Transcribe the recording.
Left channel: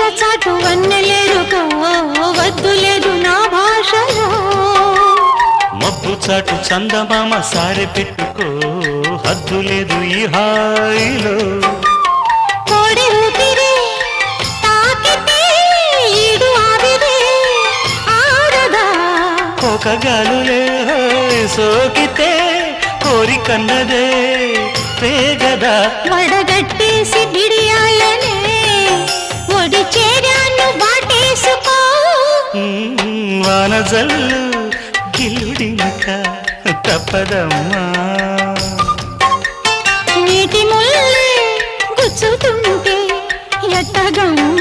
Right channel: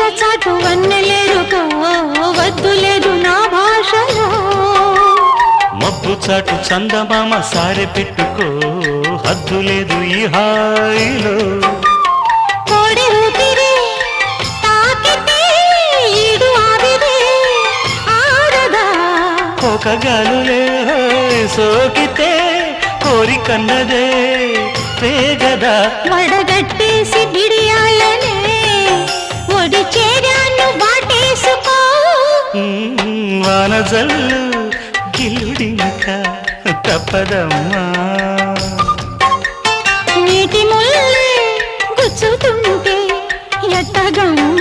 చీర చాటు వన్నెలేరుకో వద్దు లేదు నా భాషలో మబ్బు చాటు చందమామ సారె పెట్టుకో హద్దు లేదు ఈ హాయిలో కోడి ఊపిరి తాకితే ఈడు ఆవిరి ఆరదా ఒక గాలులే సోకితే కోరికన్నదే పేగదా వడగట్టేసి బిడియాలనే ఒడి చేరాను వాటేసుకో వానజల్లు గిల్లుడినక తప్పదమ్మా నీటి ముల్లే గుచ్చుతుంటే ఎట్టగమ్మా